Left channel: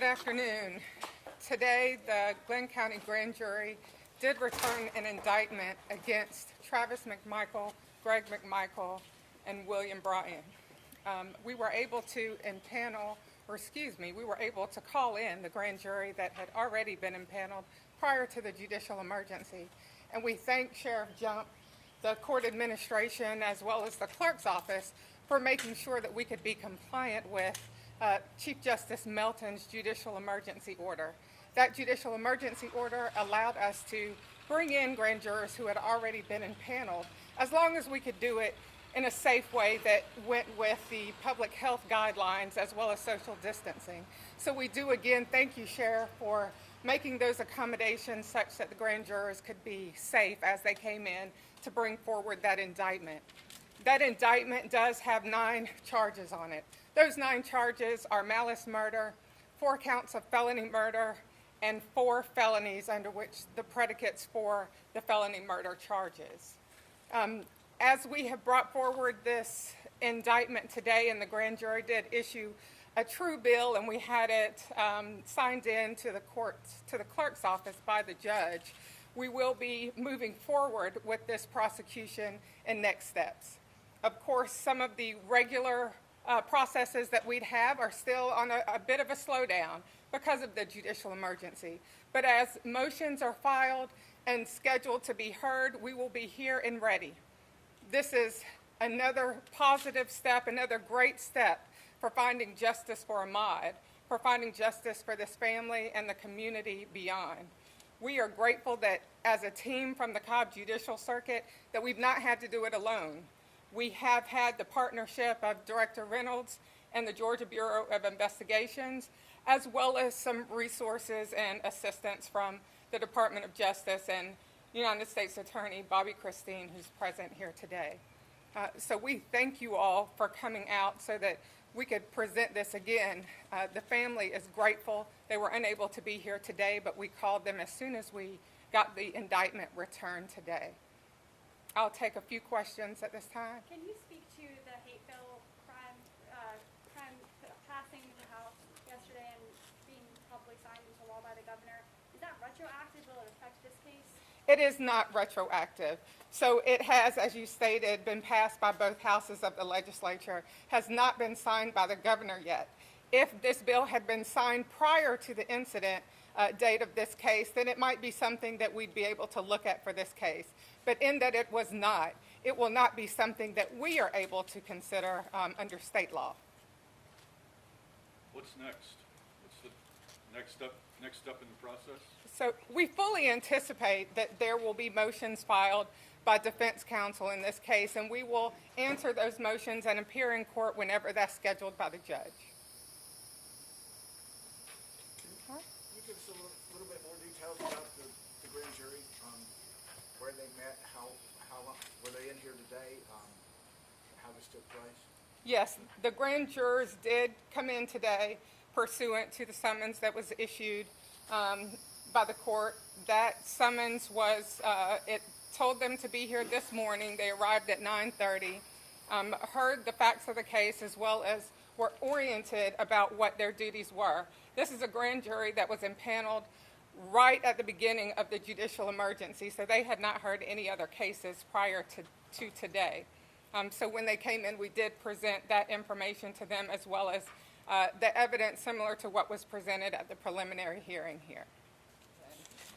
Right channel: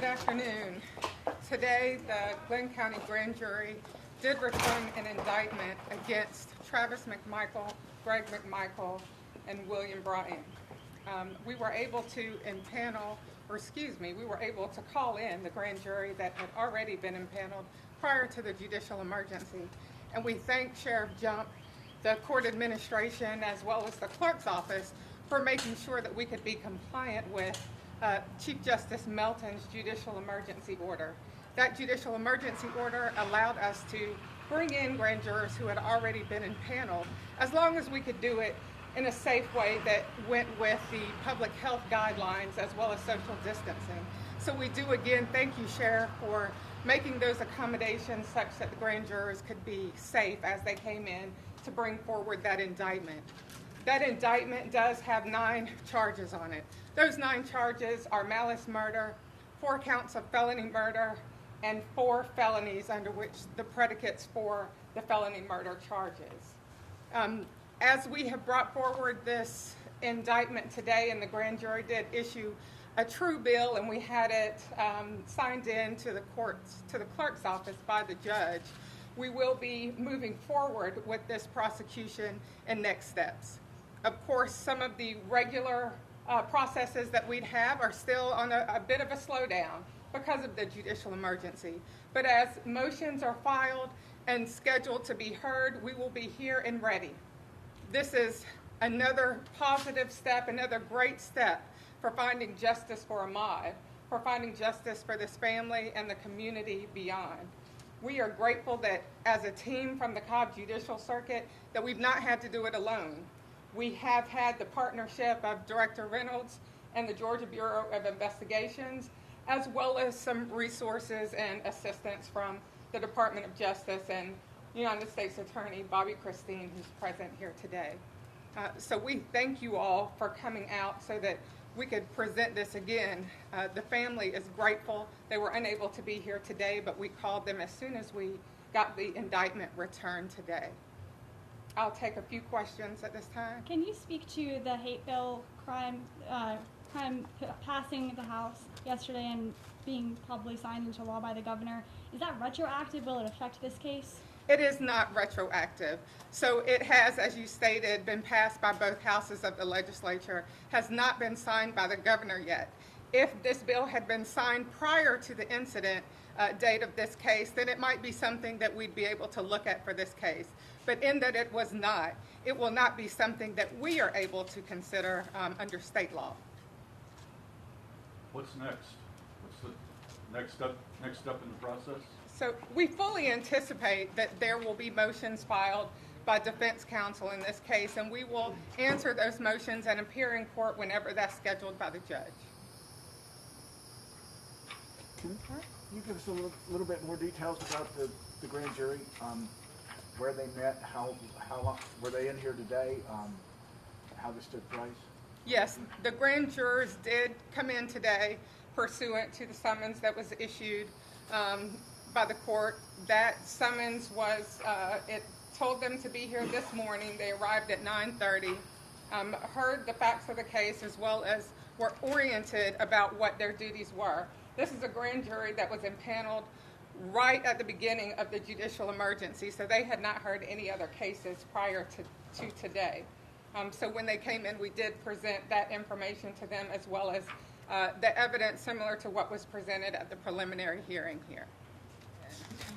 Good afternoon. Today, the Glenn County Grand Jury did return an indictment against Travis McMichael, Greg McMichael, and William Bryan. We were able to call in the grand jury that had already been impaneled prior to the judicial emergency. And we thank Sheriff Jump, the court administration, as well as the clerk's office for making sure that we could be compliant with Chief Justice Melton's judicial emergency order. That judicial emergency order allowed us to bring in grand jurors who had already been impaneled, as long as we could do it in a safe way that went with the public health guidelines as well as social distancing. So we do again thank you, Sheriff, for making those accommodations such that the grand jurors could be safe as they came in to bring forward that indictment. That indictment does have 9 charges on it. Those 9 charges are malice murder, 4 counts of felony murder, and 4 felonies under which the predicates for the felony murder charges. As we have brought forward this indictment today, and the grand jury did issue a true bill, and we had it signed in to the clerk's office by the judge, we will be moving forward with this prosecution and next steps. Of course, some of the regular processes that we'd have are still on a bit of a slowdown because of the judicial emergency. But as motions are filed and scheduled to be heard, we will be here and ready. This is another positive step, another great step for finding justice for Ahmaud, for finding justice for this family and the community beyond. We are grateful that as a team from the Cobb Judicial Circuit that we've not had to do it alone. We have had the partnership of Director Reynolds and the Georgia Bureau of Investigations, as well as some resources and assistance from the Department of Justice and United States Attorney Bobby Christine, who's present here today. So we thank you all for coming out so that we could present this again. The family is grateful. They were unable to be here today, but we called them as soon as we got the indictment returned today. I'll take a few questions at this time. Can you speak to the hate bill crime passing the House yesterday and being probably signed into law by the governor? Is that retroactive? Will it affect this case? It is not retroactive. So it has, as you stated, been passed by both houses of the legislature, has not been signed by the governor yet. If this bill had been signed prior to the incident date of this case, then it might be something that we'd be able to look at for this case. But in that it was not, it will not be something that we are able to consider under state law. What's next? What's the next step in the process? So we fully anticipate that there will be motions filed by defense counsel in this case, and we will answer those motions and appear in court whenever that's scheduled by the judge. Can you give us a little bit more details about the grand jury? Where they met, how long, were they in here today, how this took place? Yes, the grand jurors did come in today pursuant to the summons that was issued by the court. That summons was, it told them to be here this morning. They arrived at 9:30, heard the facts of the case, as well as were oriented about what their duties were. This is a grand jury that was impaneled right at the beginning of the judicial emergency, so they had not heard any other cases prior to today. So when they came in, we did present that information to them, as well as the evidence similar to what was presented at the preliminary hearing here.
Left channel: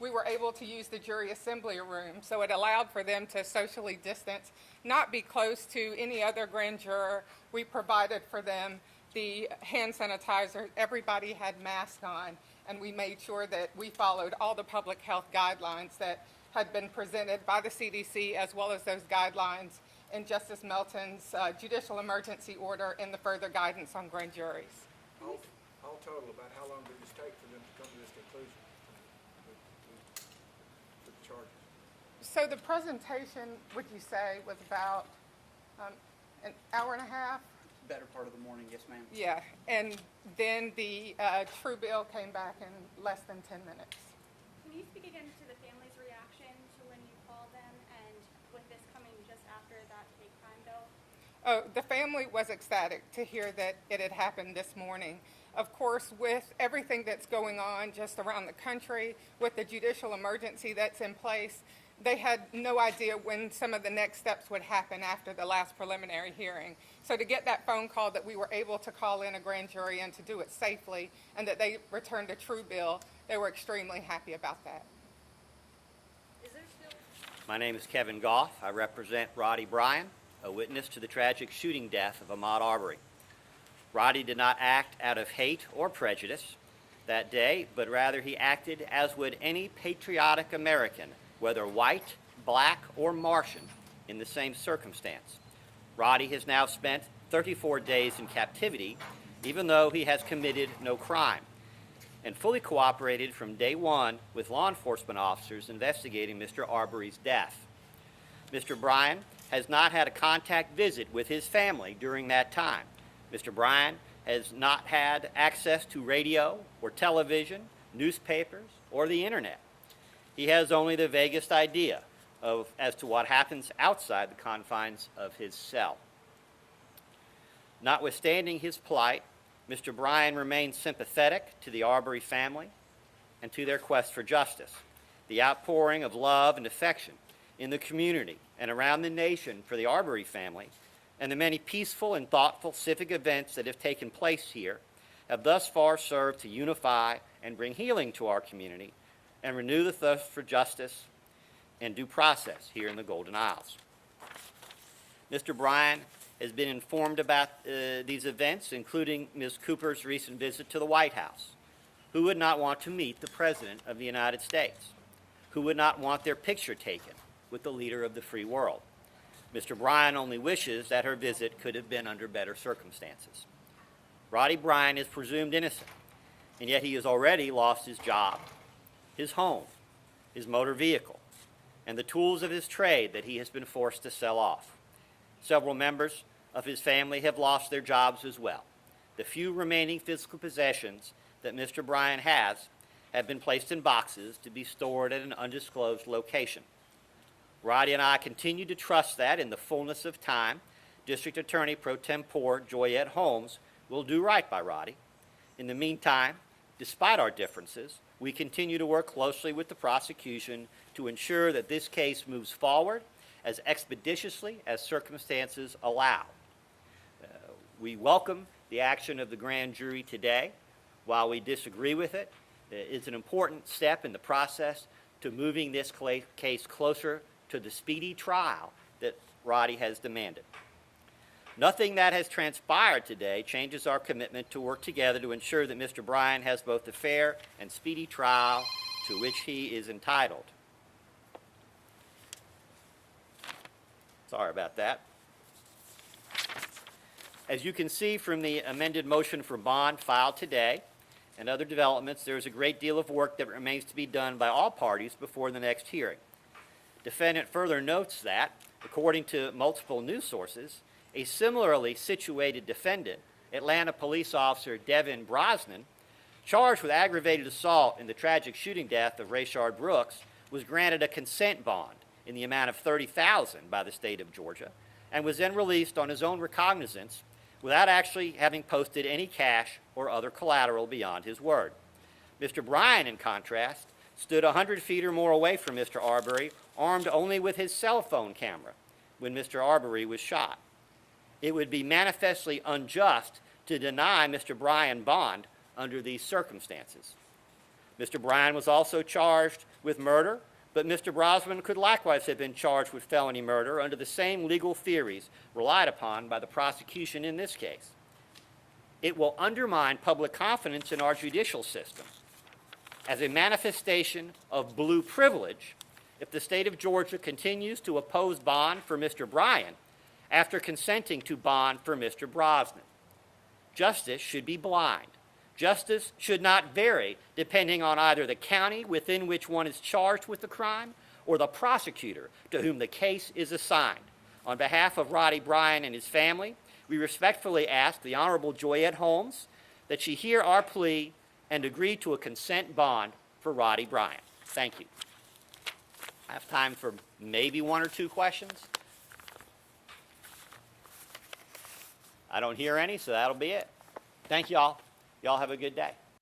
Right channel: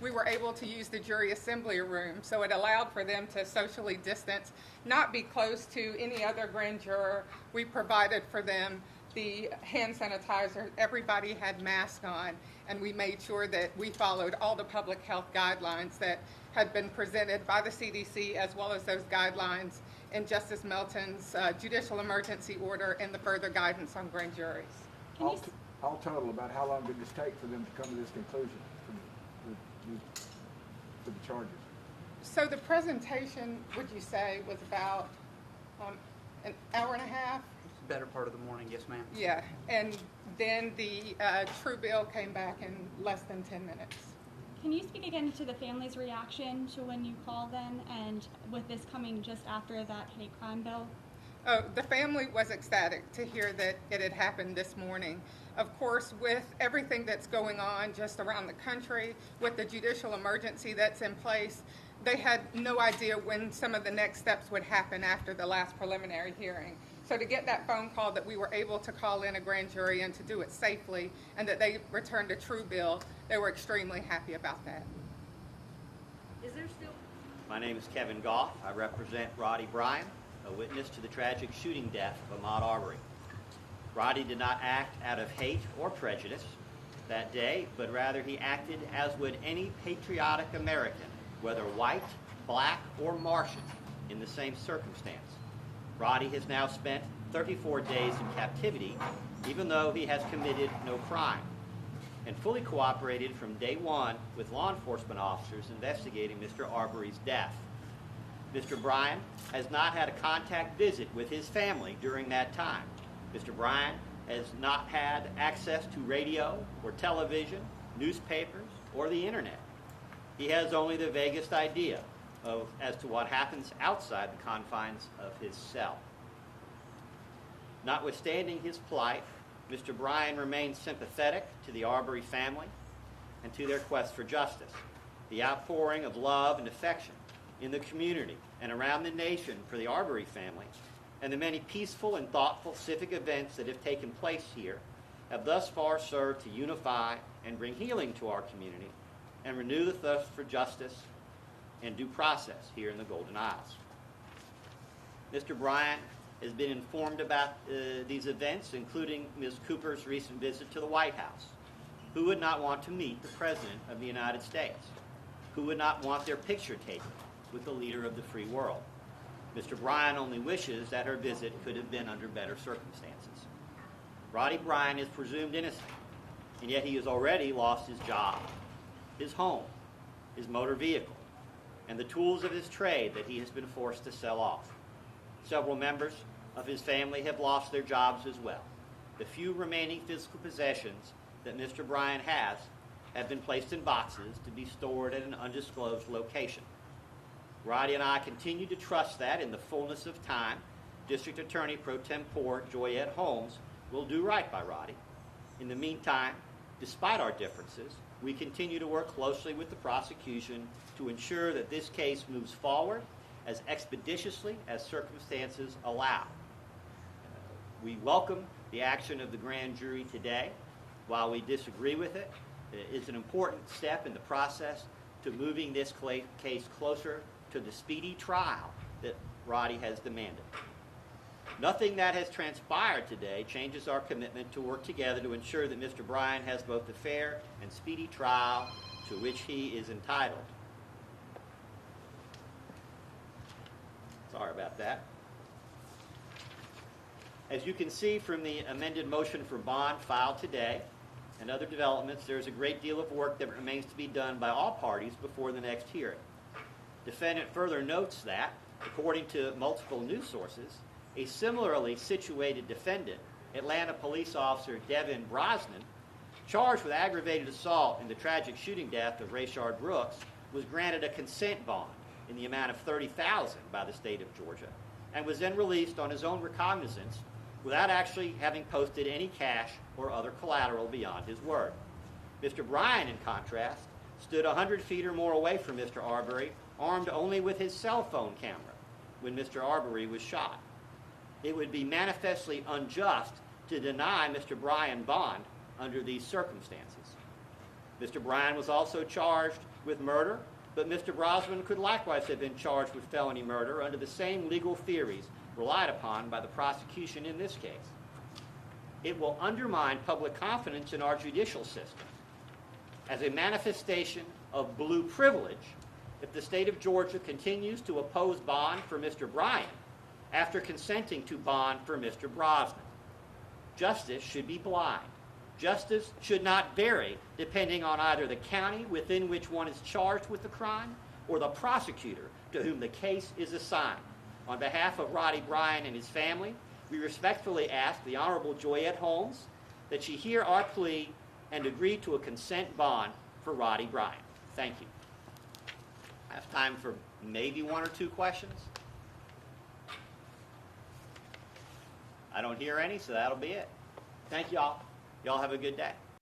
We were able to use the jury assembly room, so it allowed for them to socially distance, not be close to any other grand juror. We provided for them the hand sanitizer. Everybody had masks on, and we made sure that we followed all the public health guidelines that had been presented by the CDC, as well as those guidelines in Justice Melton's judicial emergency order and the further guidance on grand juries. All total, about how long did this take for them to come to this conclusion for the charges? So the presentation, would you say, was about an hour and a half? Better part of the morning, yes ma'am. Yeah, and then the true bill came back in less than 10 minutes. Can you speak again to the family's reaction to when you called them, and with this coming just after that hate crime bill? Oh, the family was ecstatic to hear that it had happened this morning. Of course, with everything that's going on just around the country, with the judicial emergency that's in place, they had no idea when some of the next steps would happen after the last preliminary hearing. So to get that phone call that we were able to call in a grand jury and to do it safely and that they returned a true bill, they were extremely happy about that. My name is Kevin Goff. I represent Roddie Bryan, a witness to the tragic shooting death of Ahmaud Arbery. Roddie did not act out of hate or prejudice that day, but rather he acted as would any patriotic American, whether white, black, or Martian, in the same circumstance. Roddie has now spent 34 days in captivity, even though he has committed no crime, and fully cooperated from day one with law enforcement officers investigating Mr. Arbery's death. Mr. Bryan has not had a contact visit with his family during that time. Mr. Bryan has not had access to radio or television, newspapers, or the internet. He has only the vaguest idea as to what happens outside the confines of his cell. Notwithstanding his plight, Mr. Bryan remains sympathetic to the Arbery family and to their quest for justice. The outpouring of love and affection in the community and around the nation for the Arbery family, and the many peaceful and thoughtful civic events that have taken place here, have thus far served to unify and bring healing to our community and renew the thirst for justice and due process here in the Golden Isles. Mr. Bryan has been informed about these events, including Ms. Cooper's recent visit to the White House. Who would not want to meet the President of the United States? Who would not want their picture taken with the leader of the free world? Mr. Bryan only wishes that her visit could have been under better circumstances. Roddie Bryan is presumed innocent, and yet he has already lost his job, his home, his motor vehicle, and the tools of his trade that he has been forced to sell off. Several members of his family have lost their jobs as well. The few remaining physical possessions that Mr. Bryan has have been placed in boxes to be stored at an undisclosed location. Roddie and I continue to trust that in the fullness of time, District Attorney Pro Tempore Joyette Holmes will do right by Roddie. In the meantime, despite our differences, we continue to work closely with the prosecution to ensure that this case moves forward as expeditiously as circumstances allow. We welcome the action of the grand jury today. While we disagree with it, it's an important step in the process to moving this case closer to the speedy trial that Roddie has demanded. Nothing that has transpired today changes our commitment to work together to ensure that Mr. Bryan has both a fair and speedy trial to which he is entitled. Sorry about that. As you can see from the amended motion for bond filed today and other developments, there is a great deal of work that remains to be done by all parties before the next hearing. Defendant further notes that, according to multiple news sources, a similarly situated defendant, Atlanta police officer Devin Brosnan, charged with aggravated assault in the tragic shooting death of Rayshard Brooks, was granted a consent bond in the amount of $30,000 by the state of Georgia, and was then released on his own recognizance without actually having posted any cash or other collateral beyond his word. Mr. Bryan, in contrast, stood 100 feet or more away from Mr. Arbery, armed only with his cell phone camera, when Mr. Arbery was shot. It would be manifestly unjust to deny Mr. Bryan bond under these circumstances. Mr. Bryan was also charged with murder, but Mr. Brosnan could likewise have been charged with felony murder under the same legal theories relied upon by the prosecution in this case. It will undermine public confidence in our judicial system as a manifestation of blue privilege if the state of Georgia continues to oppose bond for Mr. Bryan after consenting to bond for Mr. Brosnan. Justice should be blind. Justice should not vary depending on either the county within which one is charged with the crime or the prosecutor to whom the case is assigned. On behalf of Roddie Bryan and his family, we respectfully ask the Honorable Joyette Holmes that she hear our plea and agree to a consent bond for Roddie Bryan. Thank you. I have time for maybe one or two questions. I don't hear any, so that'll be it. Thank you all. Y'all have a good day.